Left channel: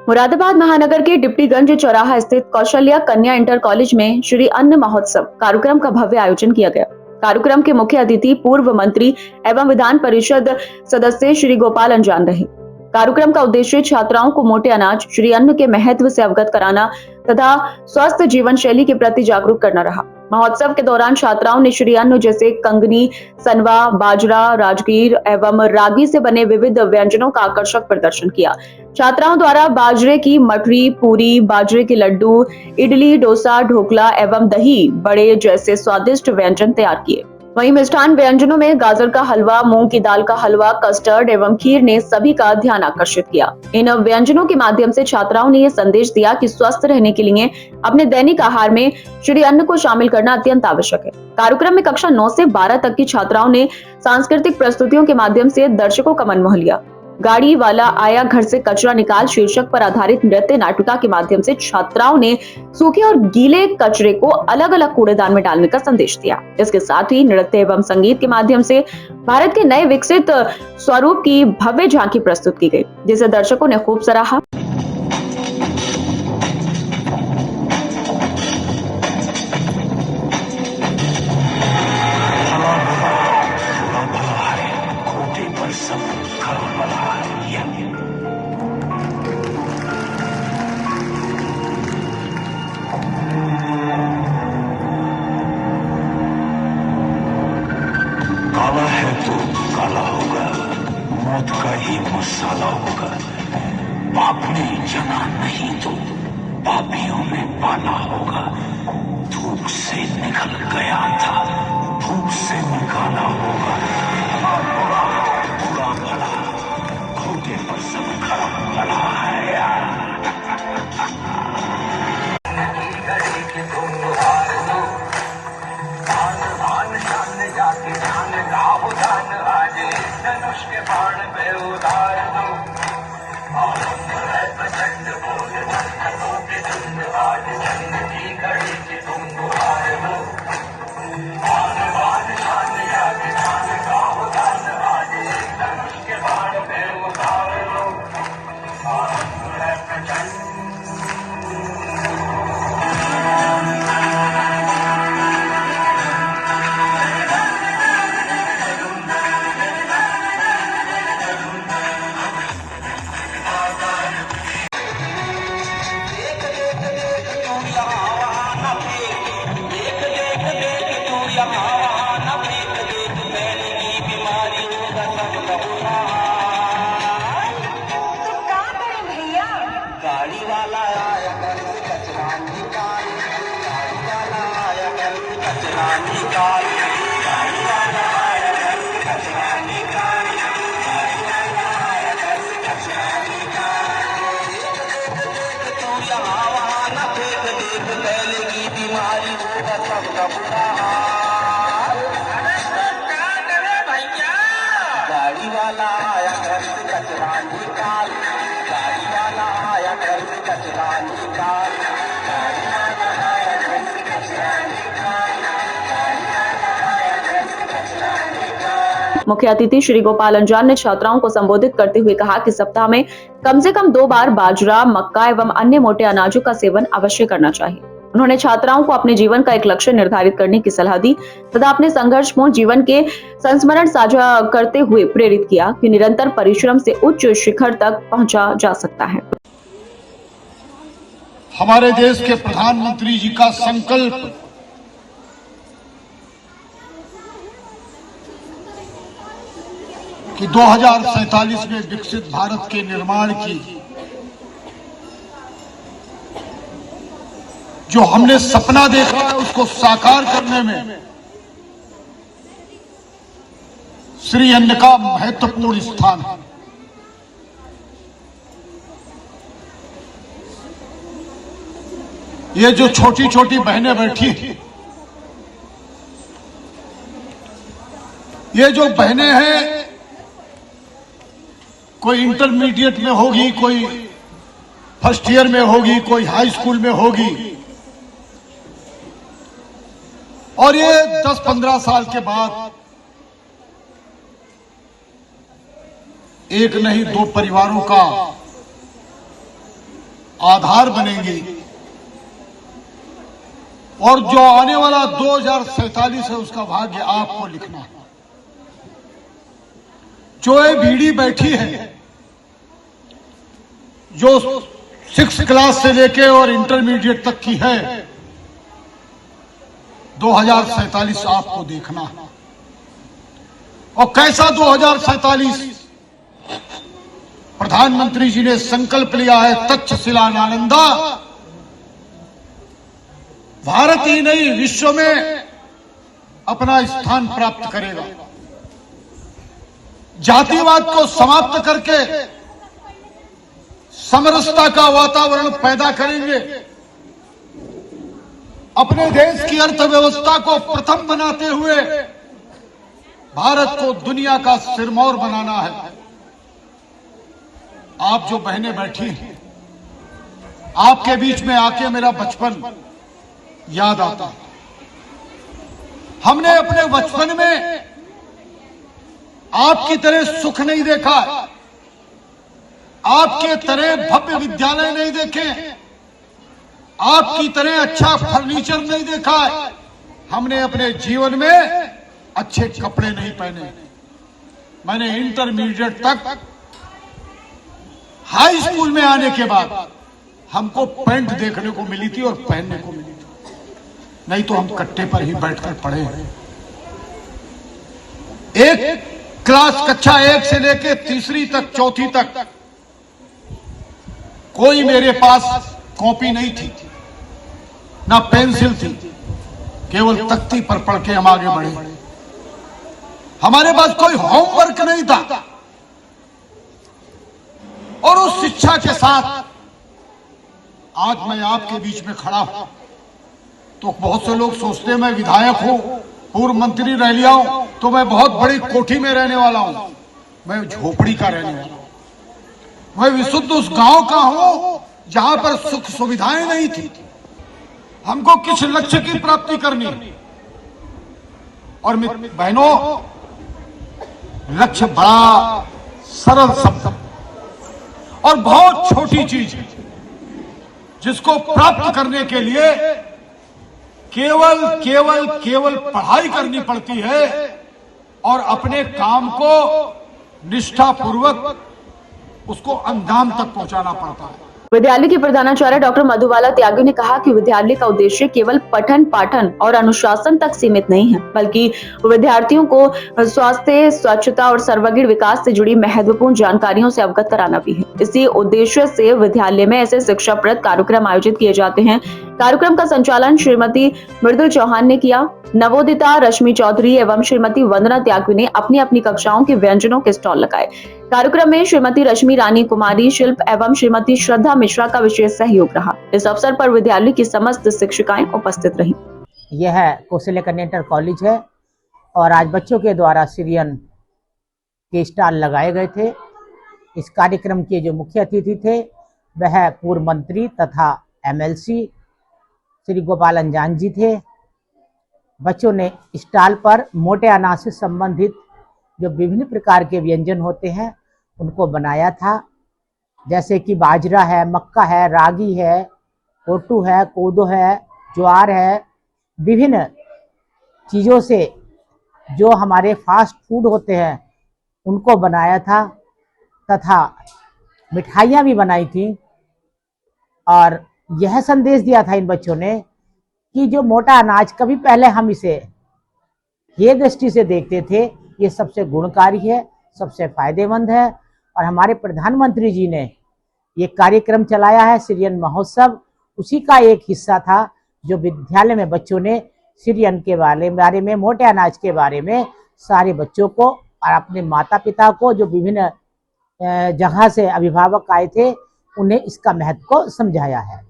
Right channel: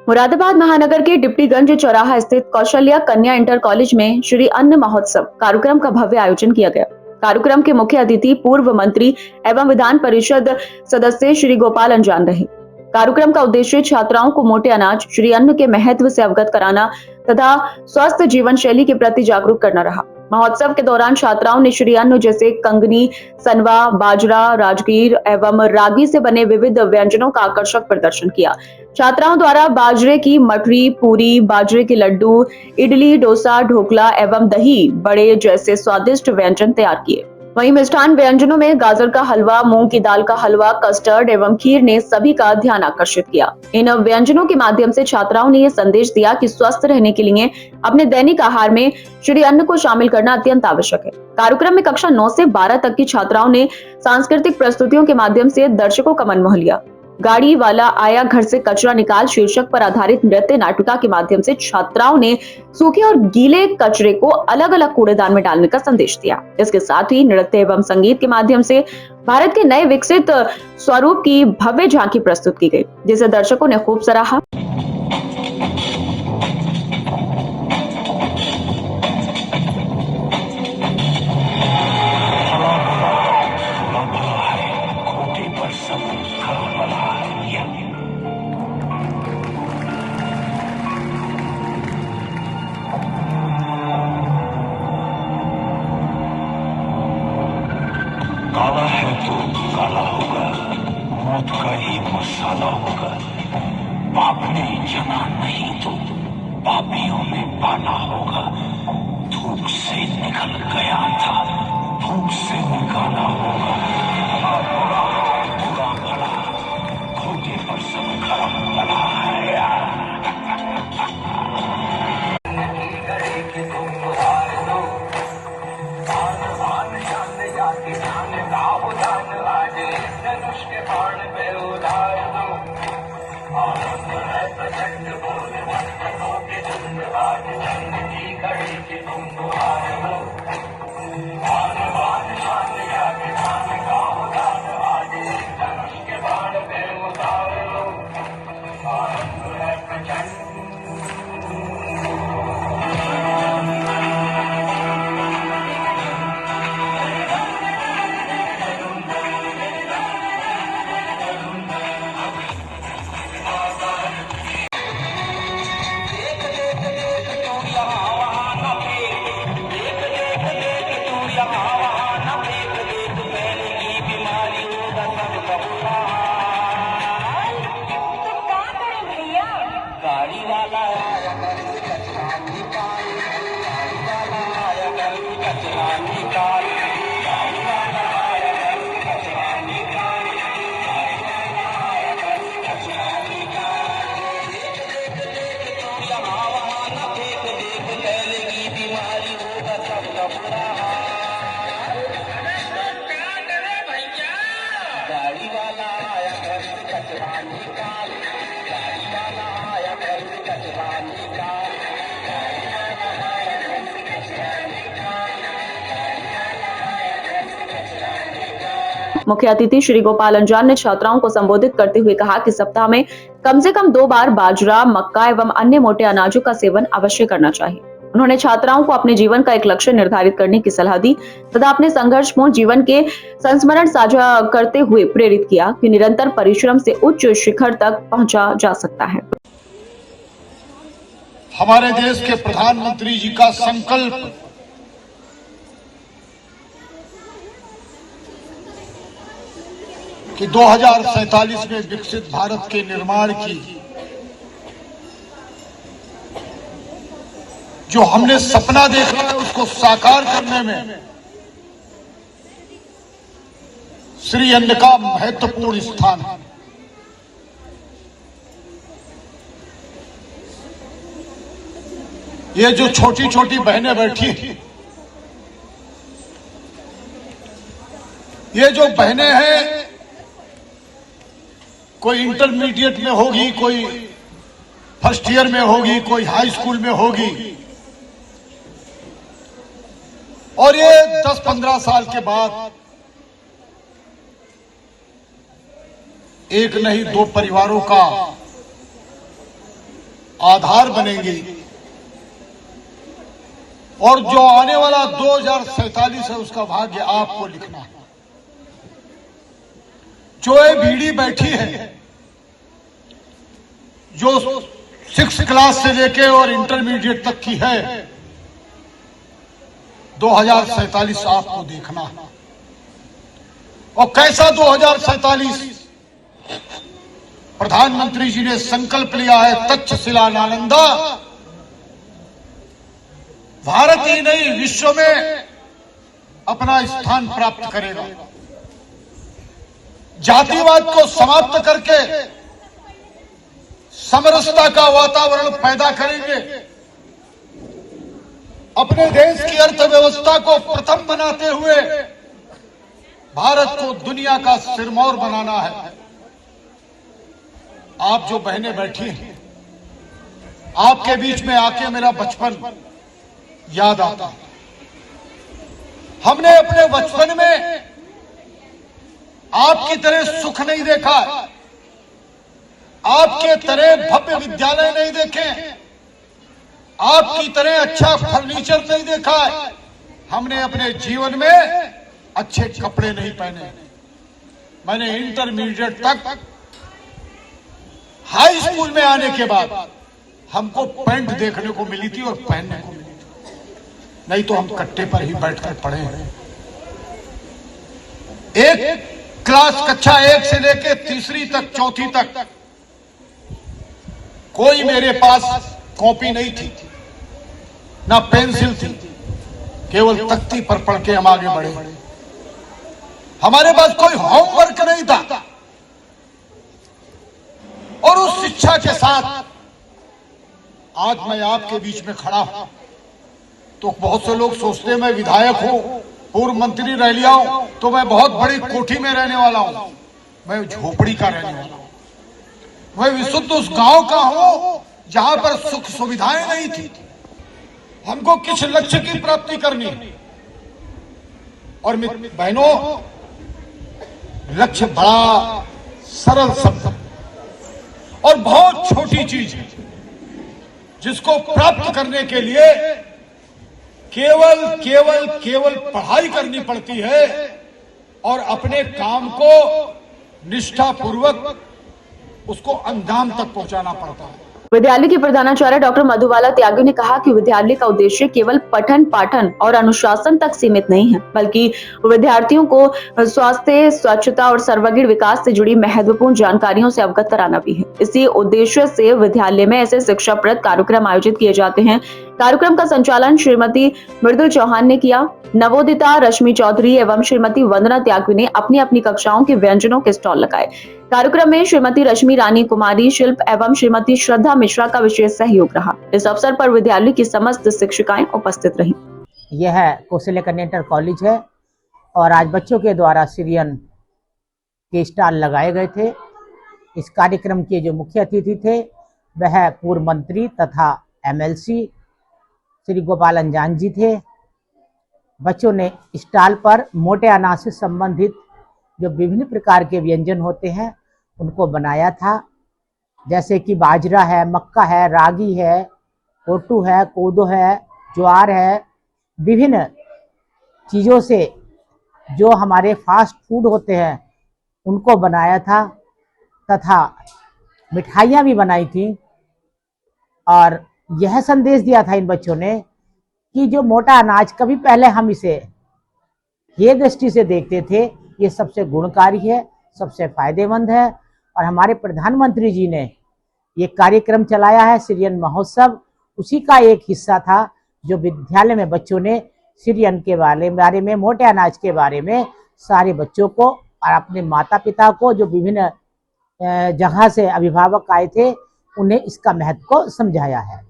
मुरादाबाद महानगर के डिप्टीगंज चौराहा स्थित कौशल्या कन्या इंटर कॉलेज में श्री अन्न महोत्सव कार्यक्रम का भव्य आयोजन किया गया। कार्यक्रम के मुख्य अतिथि पूर्व मंत्री एवं विधान परिषद सदस्य श्री गोपाल अंजान रहे। कार्यक्रम का उद्देश्य छात्राओं को मोटे अनाज श्री अन्न के महत्व से अवगत कराना तथा स्वस्थ जीवन शैली के प्रति जागरूक करना रहा। महोत्सव के दौरान छात्राओं ने श्री अन्न जैसे कंगनी, सनवा, बाजरा, राजगीर एवं रागी से बने विविध व्यंजनों का आकर्षक प्रदर्शन किया। छात्राओं द्वारा बाजरे की मठरी, पूरी, बाजरे के लड्डू, इडली, डोसा, ढोकला एवं दही बड़े जैसे स्वादिष्ट व्यंजन तैयार किए। वहीं मिष्ठान व्यंजनों में गाजर का हलवा, मूंग की दाल का हलवा, कस्टर्ड एवं खीर ने सभी का ध्यान आकर्षित किया। इन व्यंजनों के माध्यम से छात्राओं ने यह संदेश दिया कि स्वस्थ रहने के लिए अपने दैनिक आहार में श्री अन्न को शामिल करना अत्यंत आवश्यक है। कार्यक्रम में कक्षा 9 से 12 तक की छात्राओं ने सांस्कृतिक प्रस्तुतियों के माध्यम से दर्शकों का मन मोह लिया। गाड़ी वाला आया घर से कचरा निकाल शीर्षक पर आधारित नृत्य नाटिका के माध्यम से छात्राओं ने सूखे और गीले कचरे को अलग अलग कूड़ेदान में डालने का संदेश दिया। इसके साथ ही नृत्य एवं संगीत के माध्यम से भारत के नए विकसित स्वरूप की भव्य झांकी प्रस्तुत की गई, जिसे दर्शकों ने खूब सराहा। काला है तो काला होगा, मौत का ही मसाला होगा। पाप ने जमा नहीं तो पापियों में पाला होगा। धूप से निकल गया था, धूप से निकाला होगा। धोखे पर सबका बलवाया। गाड़ी वाला आया घर से कचरा निकाल, गाड़ी वाला आया घर से कचरा निकाल, गाड़ी वाला आया घर से कचरा निकाल, गाड़ी वाला आया घर से कचरा निकाल। मुख्य अतिथि श्री गोपाल अंजान ने छात्राओं को संबोधित करते हुए कहा कि सप्ताह में कम से कम 2 बार बाजरा, मक्का एवं अन्य मोटे अनाजों का सेवन अवश्य करना चाहिए। उन्होंने छात्राओं को अपने जीवन का एक लक्ष्य निर्धारित करने की सलाह दी तथा अपने संघर्षपूर्ण जीवन के संस्मरण साझा करते हुए प्रेरित किया कि निरंतर परिश्रम से उच्च शिखर तक पहुंचा जा सकता है। हमारे देश के प्रधानमंत्री जी का संकल्प कि 2047 में विकसित भारत के निर्माण की जो हमने सपना देखा है उसको साकार करने में श्री अन्न का महत्वपूर्ण स्थान है। ये जो छोटी छोटी बहनें बैठी हैं, ये जो बहनें हैं, कोई इंटरमीडिएट में होगी, कोई फर्स्ट ईयर में होगी, कोई हाई स्कूल में होगी, और ये 10-15 साल के बाद एक नहीं 2 परिवारों का आधार बनेंगी। और जो आने वाला 2047 है उसका भाग्य आपको लिखना है। जो ये बीड़ी बैठी है, जो 6 क्लास से लेके और इंटरमीडिएट तक की है, 2047 आपको देखना है। और कैसा 2047? प्रधानमंत्री जी ने संकल्प लिया है, तक्षशिला नालंदा भारत ही नहीं विश्व में अपना स्थान प्राप्त करेगा। जातिवाद को समाप्त करके समरसता का वातावरण पैदा करेंगे। अपने देश की अर्थव्यवस्था को प्रथम बनाते हुए भारत को दुनिया का सिरमौर बनाना है। आप जो बहनें बैठी हैं, आपके बीच में आके मेरा बचपन याद आता है। हमने अपने बचपन में आपकी तरह सुख नहीं देखा, आपके तरह भव्य विद्यालय नहीं देखे, आपकी तरह अच्छा फर्नीचर नहीं देखा, हमने अपने जीवन में अच्छे कपड़े नहीं पहने। मैंने इंटरमीडिएट तक, हाई स्कूल में आने के बाद हमको पैंट देखने को मिली थी और पहनने को मिली थी, नहीं तो हम कट्टे पर ही बैठकर पढ़े हैं। एक क्लास कक्षा 1 से लेकर तीसरी तक, चौथी तक कोई मेरे पास कॉपी नहीं थी, ना पेंसिल थी, केवल तख्ती पर पढ़ के हम आगे बढ़े। हमारे पास कोई होमवर्क नहीं था। और उस शिक्षा के साथ आज मैं आपके बीच में खड़ा हूं तो बहुत से लोग सोचते हैं मैं विधायक हूं, पूर्व मंत्री रह लिया हूं, तो मैं बहुत बड़ी कोठी में रहने वाला हूं। मैं झोपड़ी का रहने वाला हूं। मैं विशुद्ध उस गांव का हूं जहां पर सुख सुविधाएं नहीं थी। हमको किस लक्ष्य की प्राप्ति करनी है। और बहनों, लक्ष्य बड़ा सरल शब्द और बहुत छोटी चीज है, जिसको प्राप्त करने के लिए केवल केवल केवल पढ़ाई करनी पड़ती है और अपने काम को निष्ठापूर्वक उसको अंजाम तक पहुंचाना पड़ता है। विद्यालय की प्रधानाचार्य डॉक्टर मधुबाला त्यागी ने कहा कि विद्यालय का उद्देश्य केवल पठन पाठन और अनुशासन तक सीमित नहीं है, बल्कि विद्यार्थियों को स्वास्थ्य, स्वच्छता और सर्वांगीण विकास से जुड़ी महत्वपूर्ण जानकारियों से अवगत कराना भी है। इसी उद्देश्य से विद्यालय में ऐसे शिक्षाप्रद कार्यक्रम आयोजित किए जाते हैं। कार्यक्रम का संचालन श्रीमती मृदुल चौहान ने किया। नवोदिता रश्मि चौधरी एवं श्रीमती वंदना त्यागी ने अपनी अपनी कक्षाओं के व्यंजनों के स्टॉल लगाए। कार्यक्रम में श्रीमती रश्मि रानी कुमारी शिल्प एवं श्रीमती श्रद्धा मिश्रा का विशेष सहयोग रहा। इस अवसर पर विद्यालय की समस्त शिक्षिकाएं उपस्थित रहीं। यह कौशल्या कन्या इंटर कॉलेज है और आज बच्चों के द्वारा सीरियन के स्टॉल लगाए गए थे। इस कार्यक्रम के जो मुख्य अतिथि थे वह पूर्व मंत्री तथा MLC श्री गोपाल अंजान जी थे। बच्चों ने स्टॉल पर मोटे अनाज से संबंधित जो विभिन्न प्रकार के व्यंजन होते हैं उनको बनाया था, जैसे कि बाजरा है, मक्का है, रागी है, कोटू है, कोदो है, ज्वार है। विभिन्न चीज़ों से जो हमारे फास्ट फूड होते हैं उनको बनाया था तथा मिठाइयाँ भी बनाई थी। और यह संदेश दिया था इन बच्चों ने कि जो मोटा अनाज, कभी पहले हम इसे ये दृष्टि से देखते थे, ये सबसे गुणकारी है, सबसे फायदेमंद है। और हमारे प्रधानमंत्री जी ने ये कार्यक्रम चलाया है सीरियन महोत्सव, उसी का एक हिस्सा था जो विद्यालय में बच्चों ने सीरियन के बारे में, मोटे अनाज के बारे में सारे बच्चों को और अपने माता पिता को, जो विभिन्न जगह से अभिभावक आए थे, उन्हें इसका महत्व को समझाया है।